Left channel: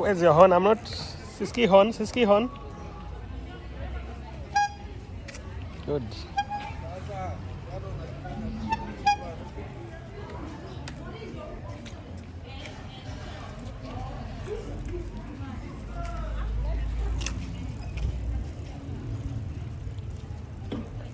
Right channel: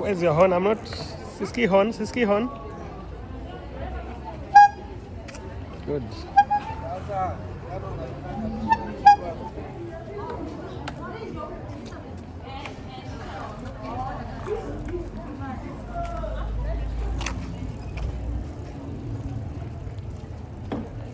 Where's your horn? I'm not. Siski horn, Siski horn. Good.